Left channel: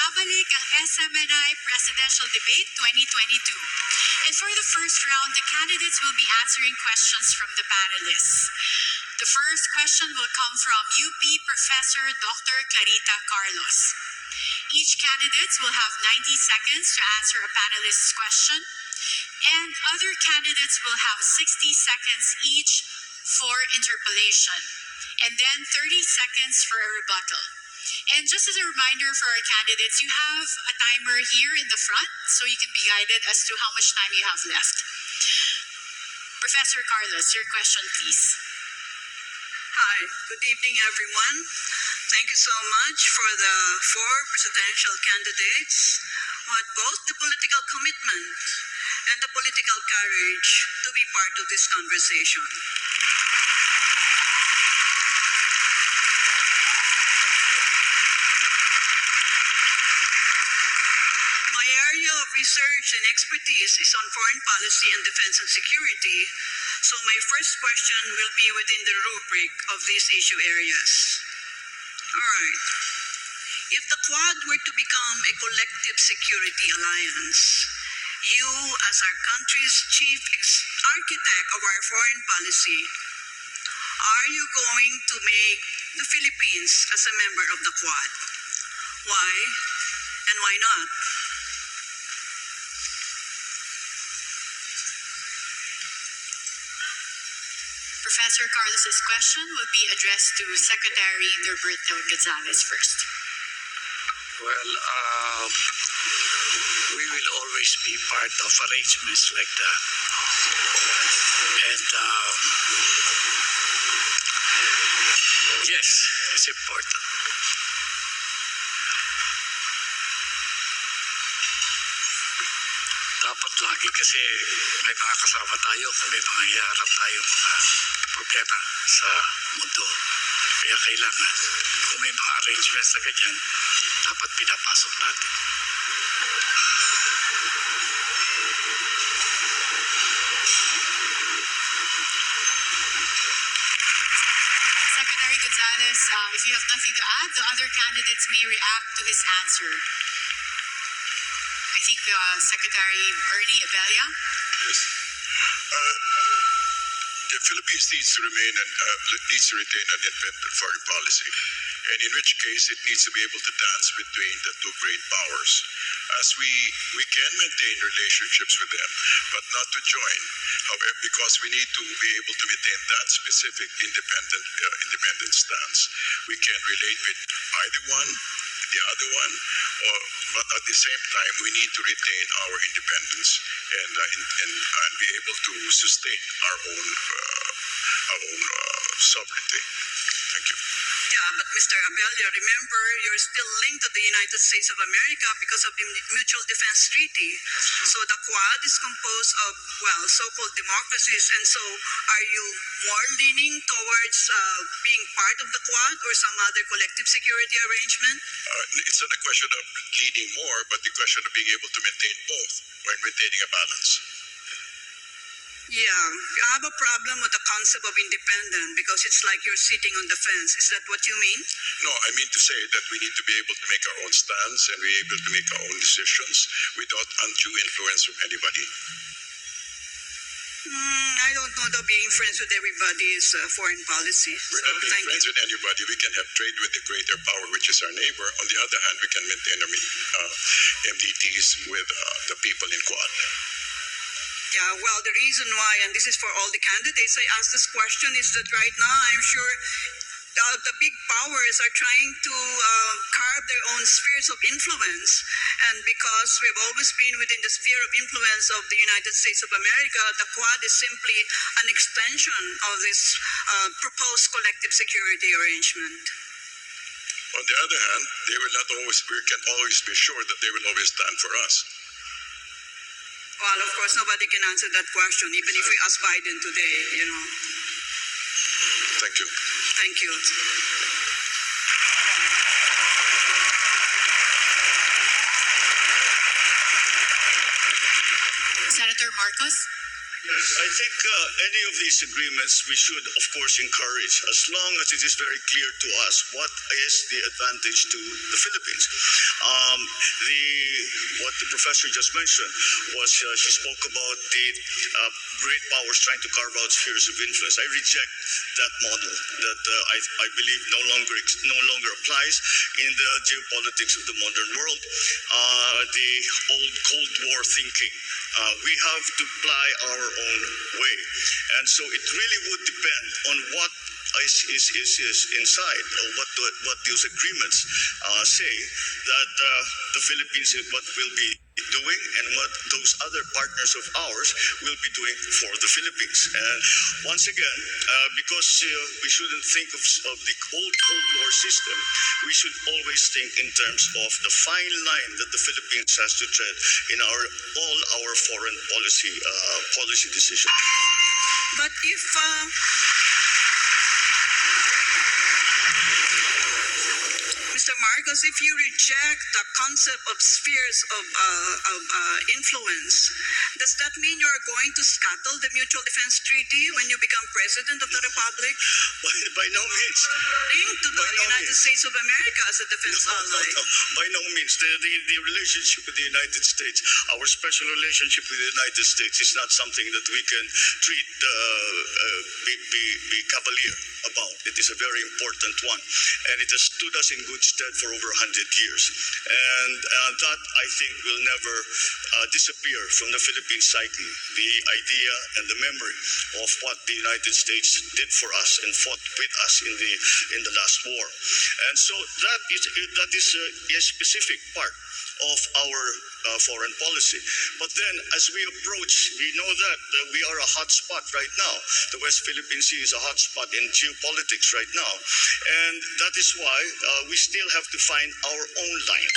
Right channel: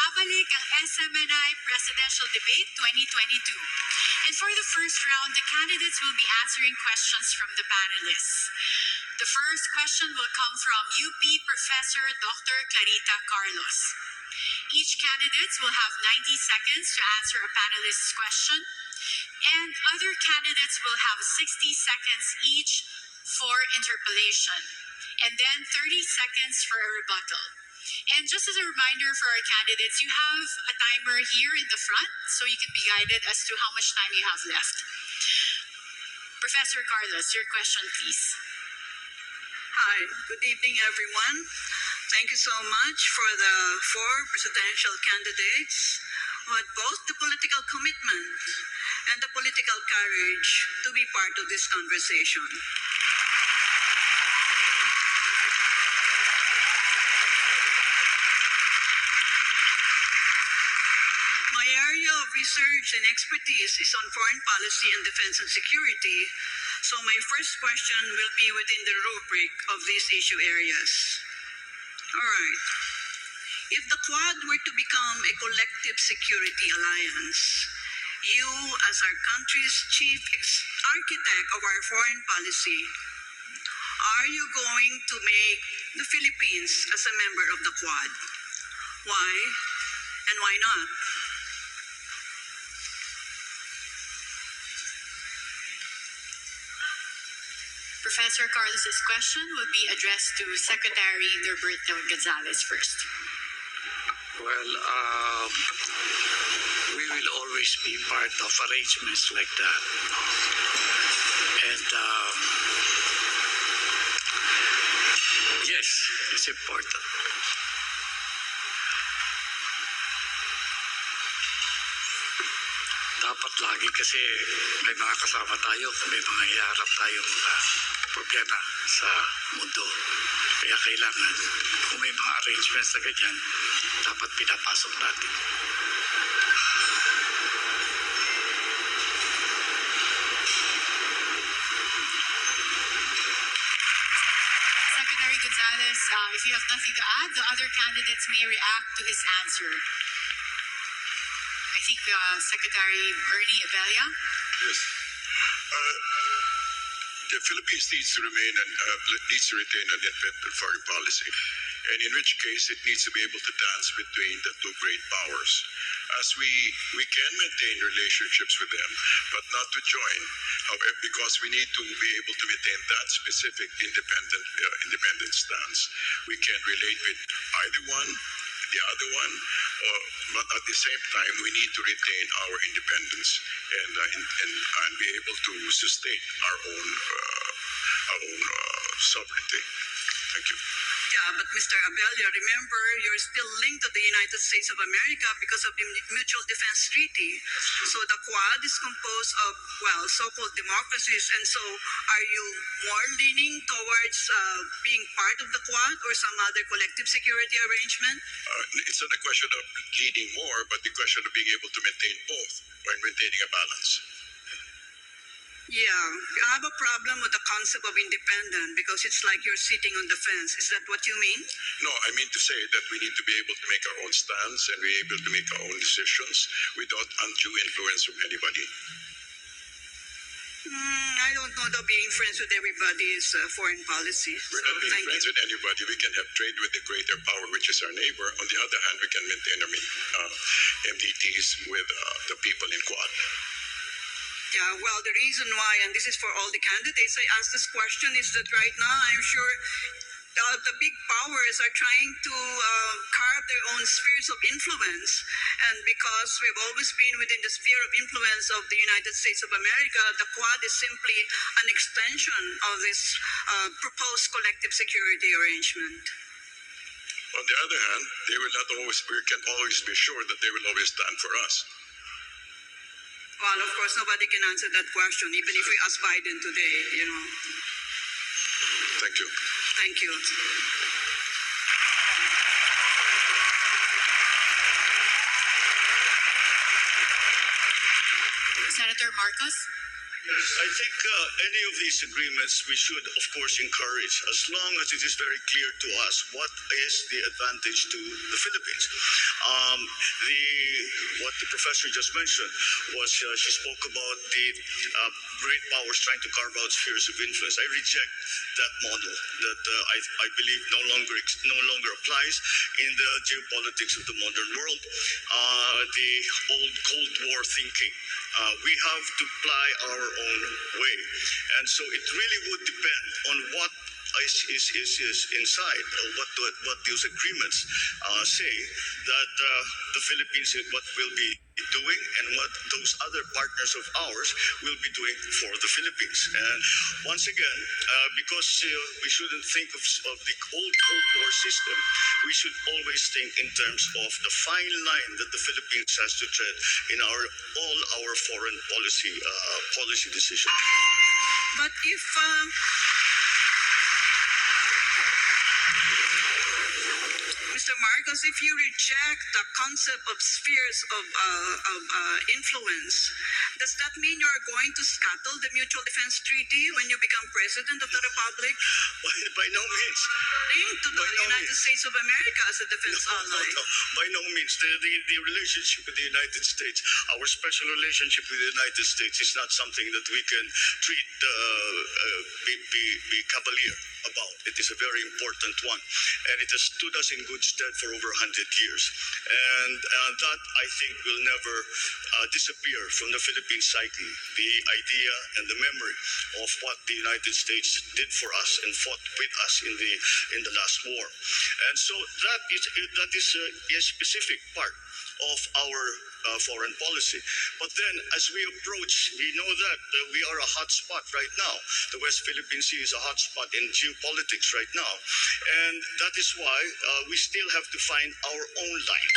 Nagbabalik ang SMNI Presidential Debate 2022. And for the first round, the candidates will be answering questions from the panelists. The first question will come from UP Professor Dr. Clarita Carlos. Each candidate will have 90 seconds to answer a panelist's question, and other candidates will have 60 seconds each for interpellation, and then 30 seconds for a rebuttal. And just as a reminder for our candidates, you have a timer here in the front, so you can be guided as to how much time you have left. Professor Carlos, your question, please. Hi, good evening, everyone. Thank you so much for the four presidential candidates who had both the political commitment and the political courage to be part of this conversation. My area of research and expertise is on foreign policy and defense and security, so my first question will be within the rubric of these issue areas. All right. If the Quad were to become a collective security alliance, you, as our country's chief architect of our foreign policy, are you going to make the Philippines as a member of the Quad? Why and why not? Professor Carlos's question will be addressed to Secretary Norberto Gonzales first. Well, we will always be part of arrangements like that. And yes, it's important. Dapat lagi kasi may mga kasama tayo, may mga iharap tayong mga problema sa mundo. Kaya kailangan, kung may mga arrangements na ganyan, dapat pinapasok natin. Secretary Gonzales, if you have nothing to add, the other candidates may react to his answer. I think Secretary Ernie Abella. Yes. The Philippines needs to retain an independent foreign policy, and in which case it needs to be able to dance between the two great powers. As we can maintain relationships with them, but not to join. However, because we need to be able to maintain that specific independent stance, we can relate with either one, the other one, but at the same time, we need to retain our independence and be able to sustain our own sovereignty. Thank you. Yeah, but Mr. Abella, remember, you're still linked to the United States of America because of the Mutual Defense Treaty. So the Quad is composed of, well, so-called democracies. And so are you more leaning towards being part of the Quad or some other collective security arrangement? It's not a question of leading more, but the question of being able to maintain both while maintaining a balance. Yeah, I have a problem with the concept of independent because it's like you're sitting on the fence. Is that what you mean? No, I mean to say that we need to be able to make our own stance and be able to make our own decisions without undue influence from anybody. I don't know that being friends with everybody's foreign policy. We're not being friends with anybody. We can have trade with the greater power, which is our neighbor. On the other hand, we can maintain MDTs with the people in Quad. Yeah, well, the reason why, and this is for all the candidates, I asked this question is that right now I'm sure the big powers are trying to carve their own spheres of influence. And because we've always been within the sphere of influence of the United States of America, the Quad is simply an extension of this proposed collective security arrangement. On the other hand, we can always be sure that they will always stand for us. Well, of course, nobody can answer that question, even if we ask Biden today, you know. Thank you. Thank you. Senator Marcos. Yes, I think any of these agreements we should, of course, encourage as long as it is very clear to us what is the advantage to the Philippines. What the professor just mentioned was she spoke about the great powers trying to carve out spheres of influence. I reject that model that I believe no longer applies in the geopolitics of the modern world. The old Cold War thinking. We have to ply our own way. And so it really would depend on what is inside, what those agreements say that the Philippines what will be doing and what those other partners of ours will be doing for the Philippines. And once again, because we shouldn't think of the old Cold War system, we should always think in terms of the fine line that the Philippines has to tread in all our foreign policy decisions. But if Mr. Marcos, if you reject the concept of spheres of influence, does that mean you are going to scuttle the Mutual Defense Treaty when you become President of the Republic? By no means. Linked to the By no United means. States of America as a defense ally. No, by no means. The relationship with the United States, our special relationship with the United States is not something that we can treat, be cavalier about. It is a very important one. And it has stood us in good stead for over 100 years. And that, I think, will never disappear from the Philippine psyche. The idea and the memory of what the United States did for us and fought with us in the last war. And so that is a specific part of our foreign policy. But then, as we approach, we know that we are a hot spot right now. The West Philippine Sea is a hot spot in geopolitics right now. And that is why we still have to find our own line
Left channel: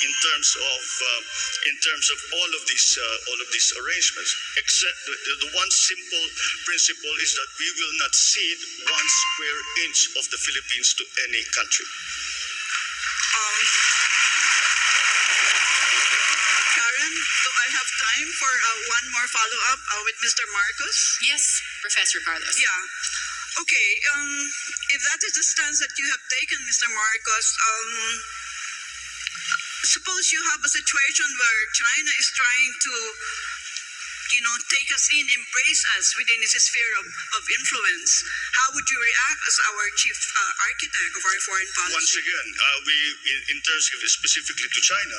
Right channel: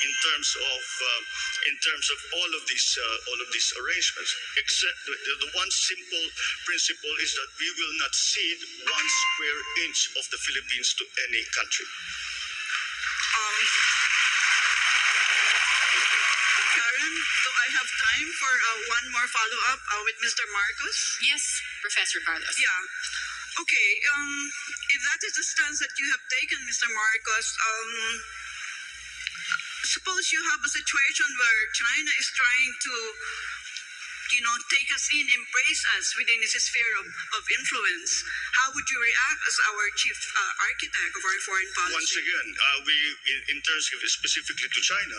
in terms of all of these arrangements. Except the one simple principle is that we will not cede 1 square inch of the Philippines to any country. Karen, do I have time for one more follow-up with Mr. Marcos? Yes, Professor Carlos. Yeah. Okay. If that is the stance that you have taken, Mr. Marcos, suppose you have a situation where China is trying to, take us in, embrace us within its sphere of influence. How would you react as our chief architect of our foreign policy? Once again, in terms of specifically to China,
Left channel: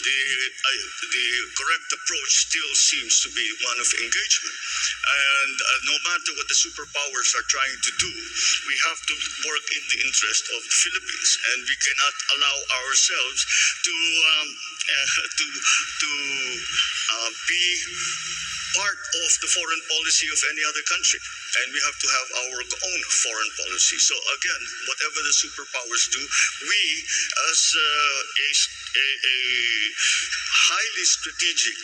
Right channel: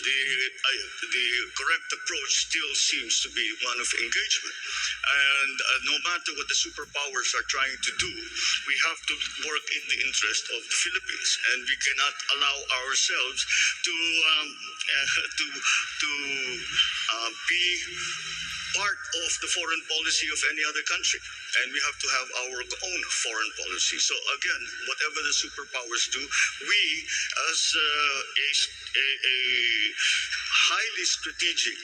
the correct approach still seems to be one of engagement. And no matter what the superpowers are trying to do, we have to work in the interest of the Philippines, and we cannot allow ourselves to be part of the foreign policy of any other country. And we have to have our own foreign policy. So again, whatever the superpowers do, we as a highly strategic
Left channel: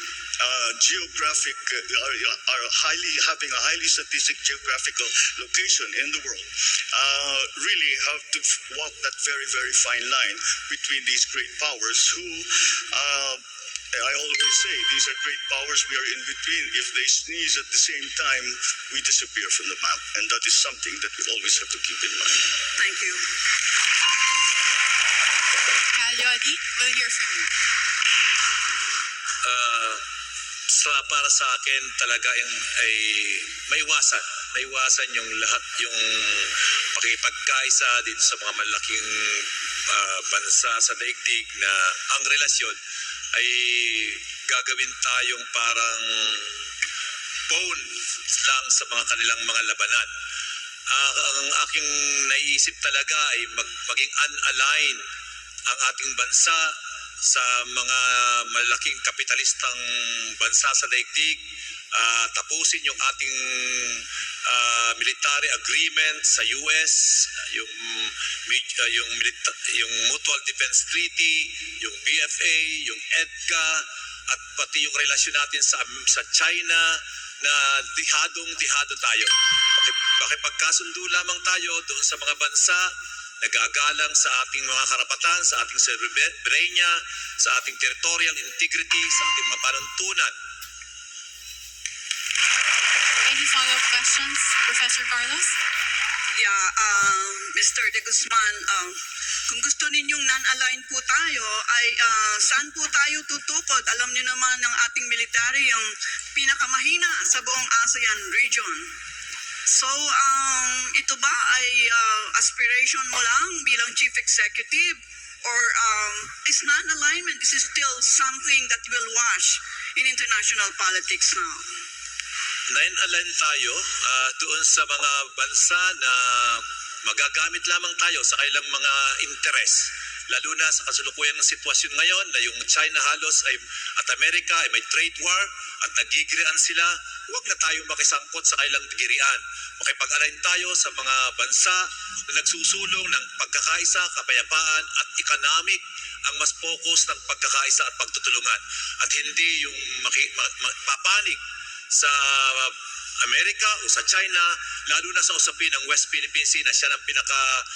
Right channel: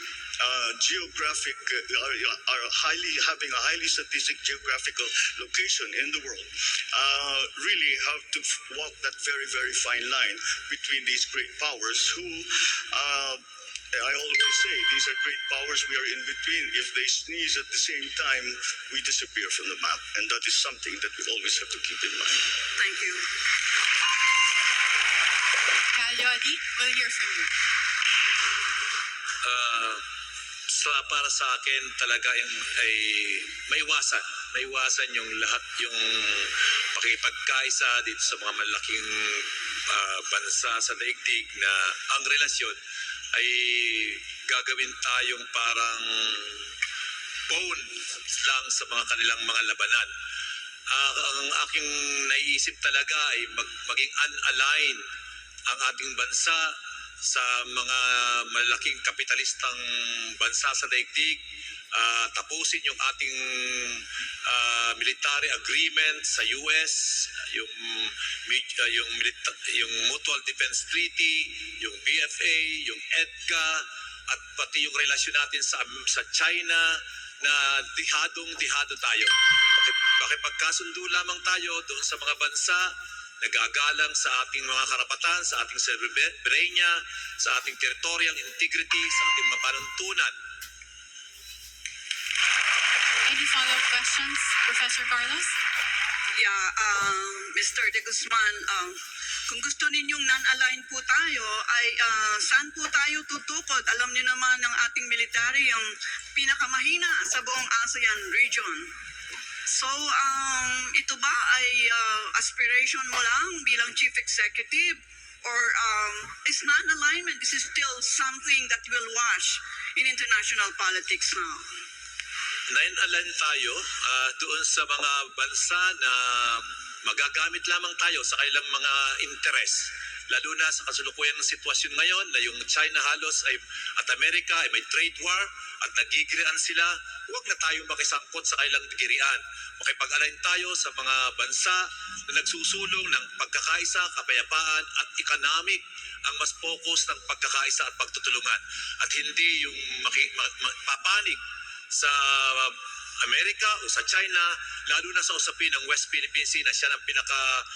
geographic are having a highly strategic geographical location in the world, really have to walk that very, very fine line between these great powers who I always say these are great powers we are in between. If they sneeze at the same time, we disappear from the map. And that is something that we always have to keep in mind. Thank you. Calyodi, we'll hear from you. Para sa akin talaga ay maiwasan yung lahat yung pakipagkaisa dito sa mga malaking bansa sa daigdig na ang relasyon ay gagawin tayong parang pawn lang sa mga kanilang mga labanan. Ang aking naiisip talaga ay maging unaligned ang ating bansa sa mga malaking kapitalistang bansa sa daigdig, tapusin yung ating military agreement sa US, yung Mutual Defense Treaty, yung BFA, yung EDCA, at pati yung relasyon natin sa China na dihado tayo. Makipagkasundo lamang tayo doon sa mga bansa nagagalang sa ating mga karapatan, sa ating soberanya, sa ating territorial integrity, sa ating mga panuntunan. Any follow-up questions, Professor Carlos? Yeah, Mr. De Guzman, kung gusto ninyong non-aligned po tayo, ay saan po tayo tutukod? Alam niyo naman ng ating military yung pinakamahina sa buong ASEAN region. So, ito ba ay aspiration mo lang bilang chief executive? Or is non-alignment, this is still something that will wash in international politics now? Nine-align tayo doon sa mga bansa na magagamit lamang tayo sa kailang mga interes. Lalo na sa kasalukuyan ng sitwasyon ngayon na yung China halos at Amerika ay may trade war at nagigirian sila, huwag na tayong makisangkot sa kailang girian. Makipag-align tayo sa mga bansa na nagsusulong ng pagkakaisa, kapayapaan at economic ang mas focus ng pagkakaisa at pagtutulungan. At hindi yung papanig sa Amerika o sa China, lalo na sa usapin ng West Philippine Sea na siya ang pinaka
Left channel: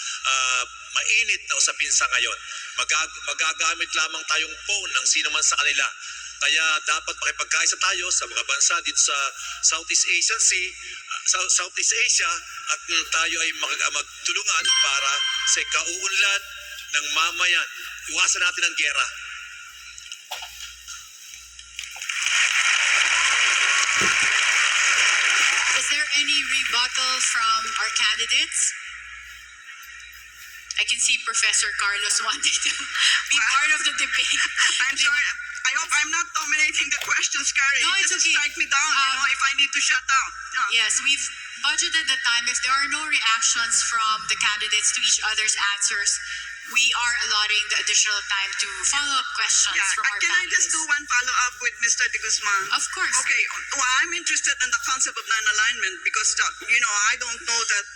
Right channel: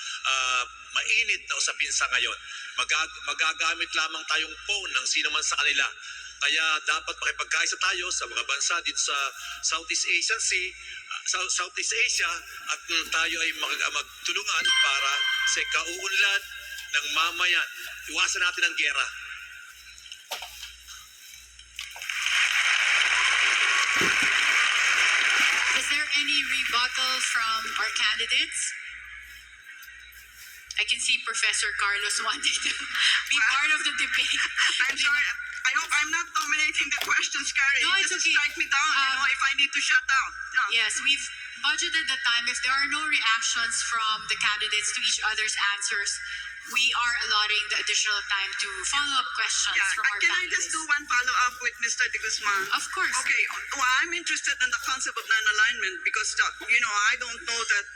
mainit na usapin sa ngayon. Magagamit lamang tayong phone ng sino man sa kanila. Kaya dapat makipagkaisa tayo sa mga bansa dito sa Southeast Asian Sea, Southeast Asia, at tayo ay magtulungan para sa kauunlad ng mamayan. Iwasan natin ang giyera. Is there any rebuttal from our candidates? I can see Professor Carlos wanting to be part of the debate. I'm sorry. I hope I'm not dominating the questions, Carrie. No, it's Just okay. strike me down, if I need to shut down. Yeah. Yes, we've budgeted the time. If there are no reactions from the candidates to each other's answers, we are allotting the additional time to follow-up questions Yeah, from our can I panelists. just do one follow-up with Mr. De Guzman? Of course. Okay, well, I'm interested in the concept of non-alignment because, I don't know that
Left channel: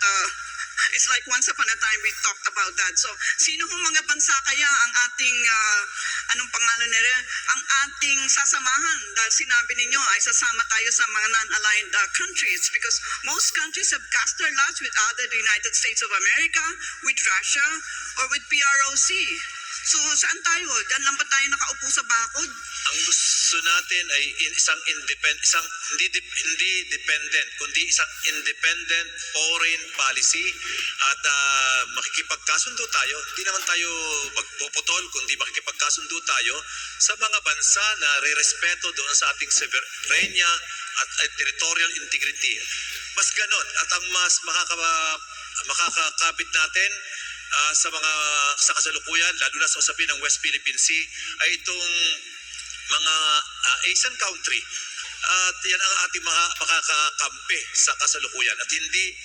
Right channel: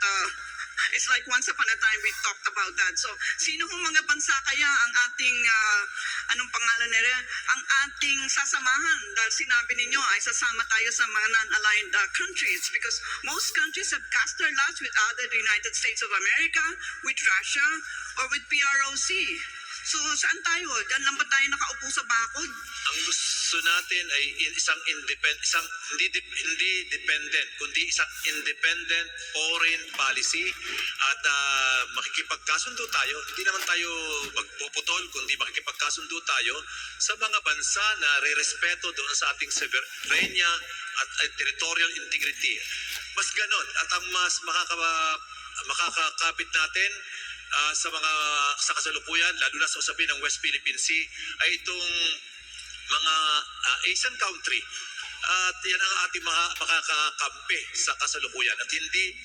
it's like once upon a time we talked about that. So, sino hong mga bansa kaya ang ating, anong pangalan nila? Ang ating sasamahan dahil sinabi ninyo ay sasama tayo sa mga non-aligned countries because most countries have cast their lots with either the United States of America, with Russia, or with PROC. So, saan tayo? Diyan lang ba tayo nakaupo sa bakod? Ang gusto natin ay hindi dependent, kundi isang independent foreign policy at makikipagkasundo tayo. Hindi naman tayo magpuputol, kundi makikipagkasundo tayo sa mga bansa na re-respeto doon sa ating sovereignty at territorial integrity. Mas ganon at ang mas makakakapit natin sa kasalukuyan, lalo na sa usapin ng West Philippine Sea, ay itong mga Asian country. At yan ang ating makakakampi sa kasalukuyan. At hindi,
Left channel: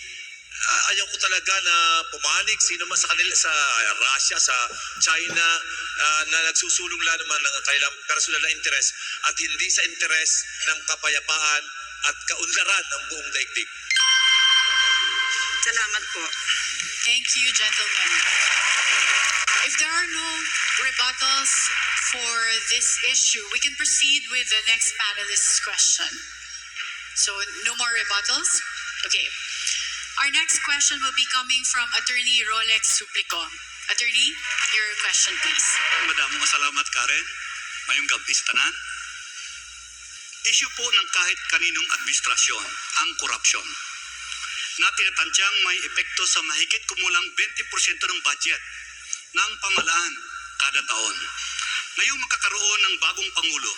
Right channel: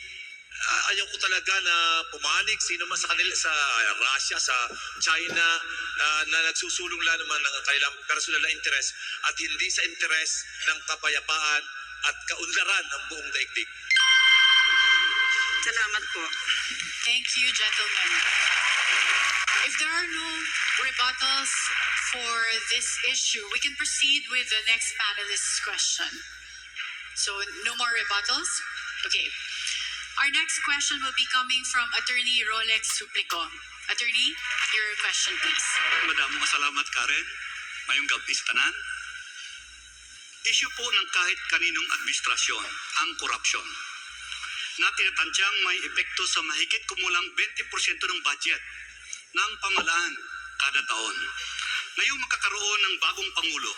ayaw ko talaga na pumanig sino man sa kanila, sa Russia, sa China, na nagsusulong lang naman ng kailang personal na interes at hindi sa interes ng kapayapaan at kaunlaran ng buong daigdig. Salamat po. Thank you, gentlemen. If there are no rebuttals for this issue, we can proceed with the next panelist's question. So, no more rebuttals? Okay. Our next question will be coming from Attorney Rolex Suplico. Attorney, your question, please. Madamong salamat, Karen. Mayong gabi sa tanan. Issue po ng kahit kaninong administrasyon, ang korupsyon. Na tinatansyang may epekto sa mahigit kumulang 20% ng budget ng pamalaan kada taon. Ngayong makakaroon ng bagong Pangulo,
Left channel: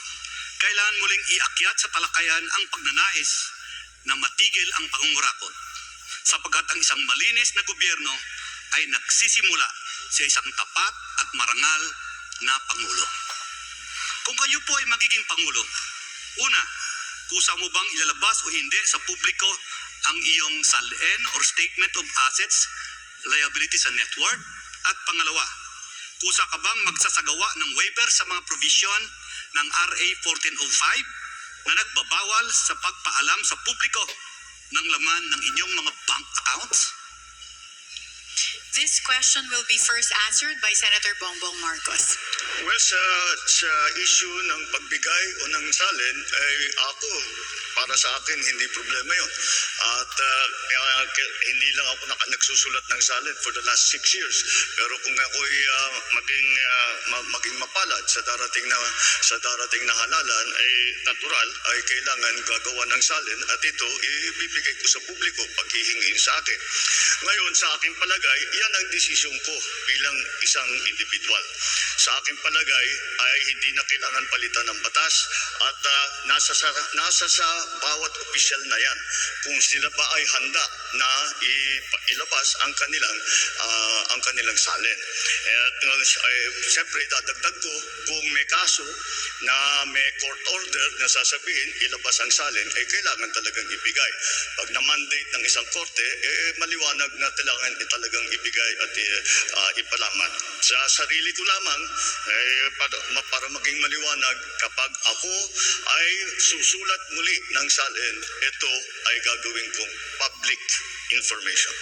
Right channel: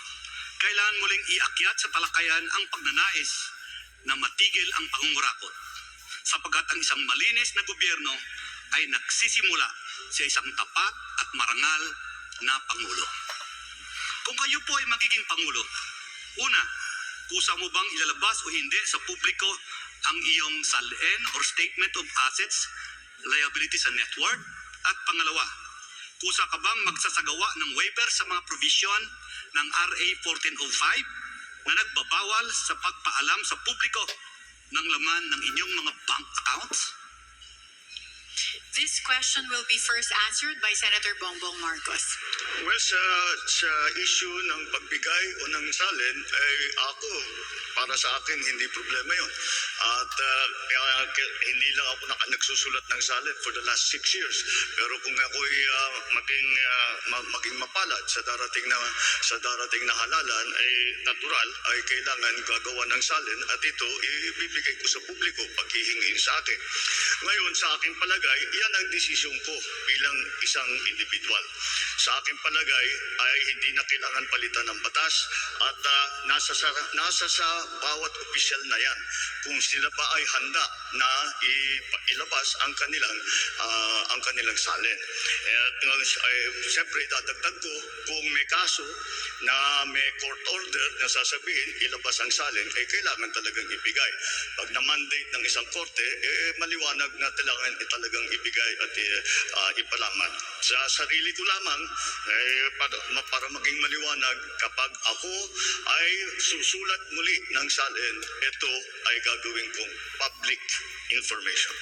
kailangan muling iakyat sa talakayan ang pagnanais na matigil ang pangungurakot sapagkat ang isang malinis na gobyerno ay nagsisimula sa isang tapat at marangal na Pangulo. Kung kayo po ay magiging Pangulo, una, kusa mo bang ilalabas o hindi sa publiko ang iyong SALN or Statement of Assets, Liabilities and Net Worth? At pangalawa, kusa ka bang magsasagawa ng waiver sa mga provision ng RA 1405 na nagbabawal sa pagpaalam sa publiko ng laman ng inyong mga bank accounts? This question will be first answered by Senator Bongbong Marcos. Well, sa issue ng pagbigay o ng salin, ay ako, para sa akin, hindi problema yon. At hindi lang ako nagsusulat ng salin for the last 6 years. Pero kung ako'y maging mapalad sa darating na halalan, ay natural, ay kailangan gagawa ng salin at ito ibibigay ko sa publiko pag hihingin sa akin. Ngayon, sa aking palagay, yan ang desisyon ko bilang isang individual. Sa aking palagay ay hindi na kailangan palitan ng batas at nasa sa bawat opisyal na yan kung sila ba ay handa na ilabas ang kanilang salin. At siyempre dadagdag ko kung may kaso na may court order na sasabihin ilabas ang salin, ay kailangan talagang ibigay. Pag na-mandate ng isang korte, maliwanag na talagang ibigay at ipalaman. Sa sarili ko lamang, para maging maliwanag, kapag ako ay susulat muli ng salin, ito ay gagawin kong public information.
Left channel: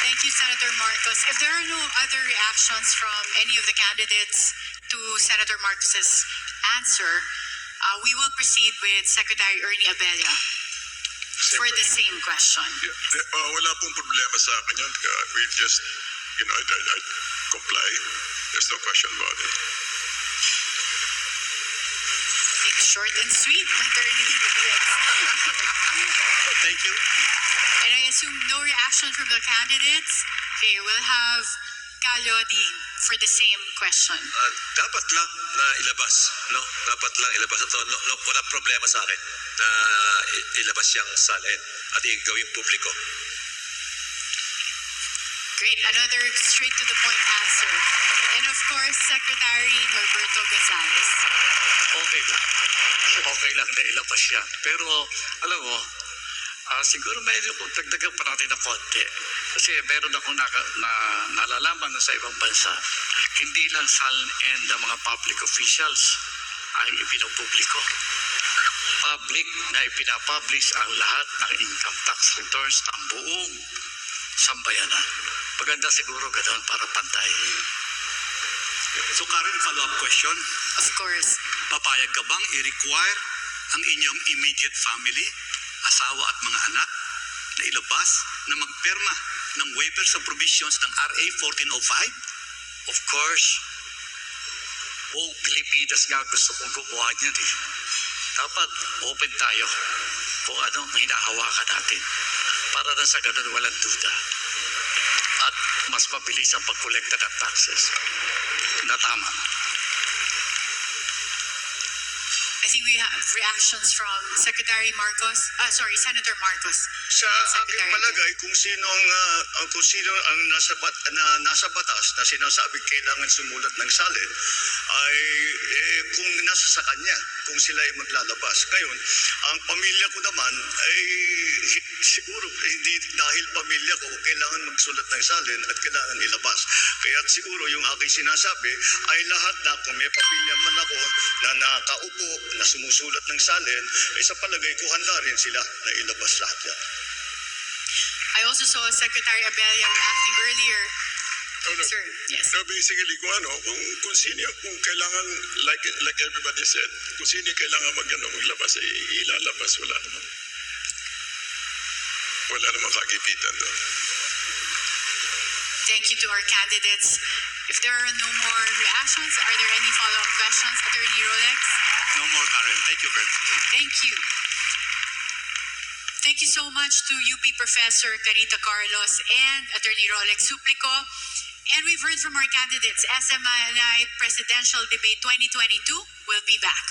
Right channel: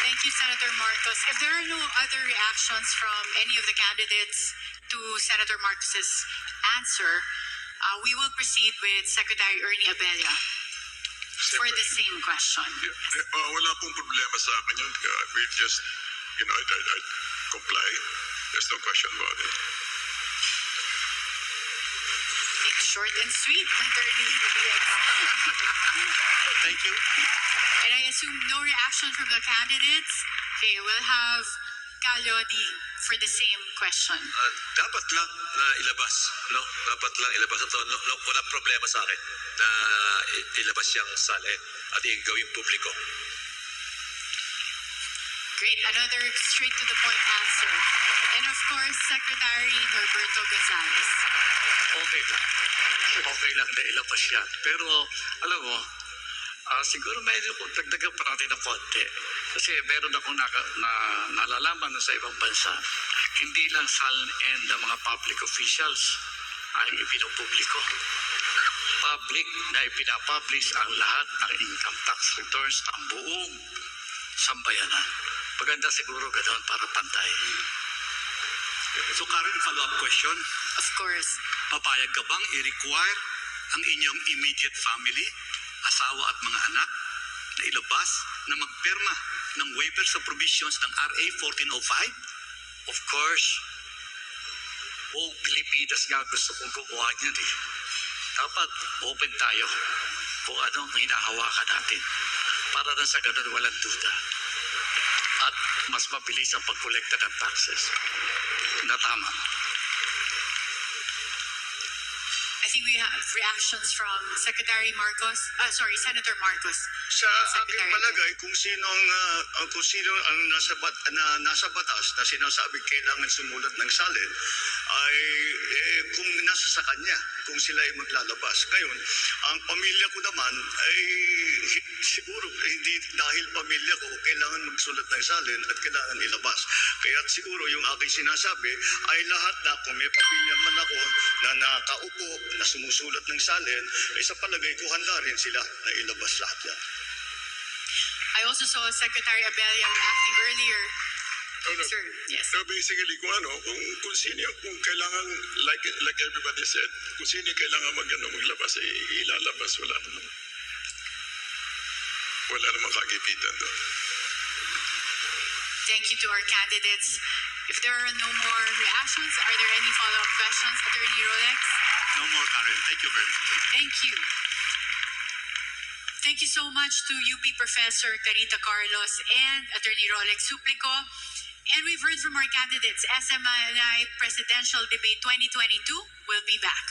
Thank you, Senator Marcos. If there are no other reactions from any of the candidates to Senator Marcos's answer, we will proceed with Secretary Ernie Abella for the same question. Wala pong problema sa akin yun. We just, I comply. There's no question about it. It's short and sweet, Attorney. Thank you. And I assume no reaction from the candidates. Okay, we'll have Calodi for the same question. Dapat lang na ilabas, no? Dapat lang ilabas ito. No, walang problema sa akin na ilabas yung salin at gawing publiko. Great, another straight to the point answer. And of course, Secretary Norberto Gonzales. Okay lang. Okay lang na ilabas yan. Pero, alam mo, siguro medyo kung dagdagan pa natin ng konti. Kasi meron ako nalalaman na sa ibang bansa, hindi lang salin ng mga public officials ang ipinopubliko. Public na ipinapublish ang lahat ng income tax returns ng buong sambayanan. Maganda siguro ganoon para pantay. So Karen, follow-up question. Of course. Papayag ka bang i-require ang inyong immediate family, asawa at mga anak, na ilabas na magperma ng waiver sa provisions ng RA 1405? Of course, buong Pilipinas nga gusto kong gumawa niyan eh. Dapat open tayo kung anong hinahawakan natin para na sa ganun walang duda. At mas mabilis ang pagkolekta ng taxes na tama. I think we have reactions from Senator Marcos. Sa aking palagay, kung sino ang nasa batas na sinasabing kailangan sumulat ng salin, ay kung nasa sa kanya, kung sila ay maglalabas. Ngayon, ang pamilya ko naman ay siguro hindi dahil pamilya ko kailangan magsulat ng salin at kailangan ilabas. Kaya siguro yung aking sinasabi ay lahat na kung may pamilya man ako na nakaupo na sumusulat ng salin, ay sa palagay ko handa rin sila na ilabas lahat yan. I also saw Secretary Abella reacting earlier. Sir, yes. So basically, kung sino, kung kailangan, like everybody said, kung sino kailangan maglabas, ilalabas, wala naman kagipitan doon. Thank you to our candidates. If there are no more reactions, are there any follow-up questions, Attorney Rolex? No more, Karen. Thank you very much. Thank you. Thank you so much to UP Professor Carita Carlos and Attorney Rolex Suplico. And we've heard from our candidates. SMNI Presidential Debate 2022 will be back.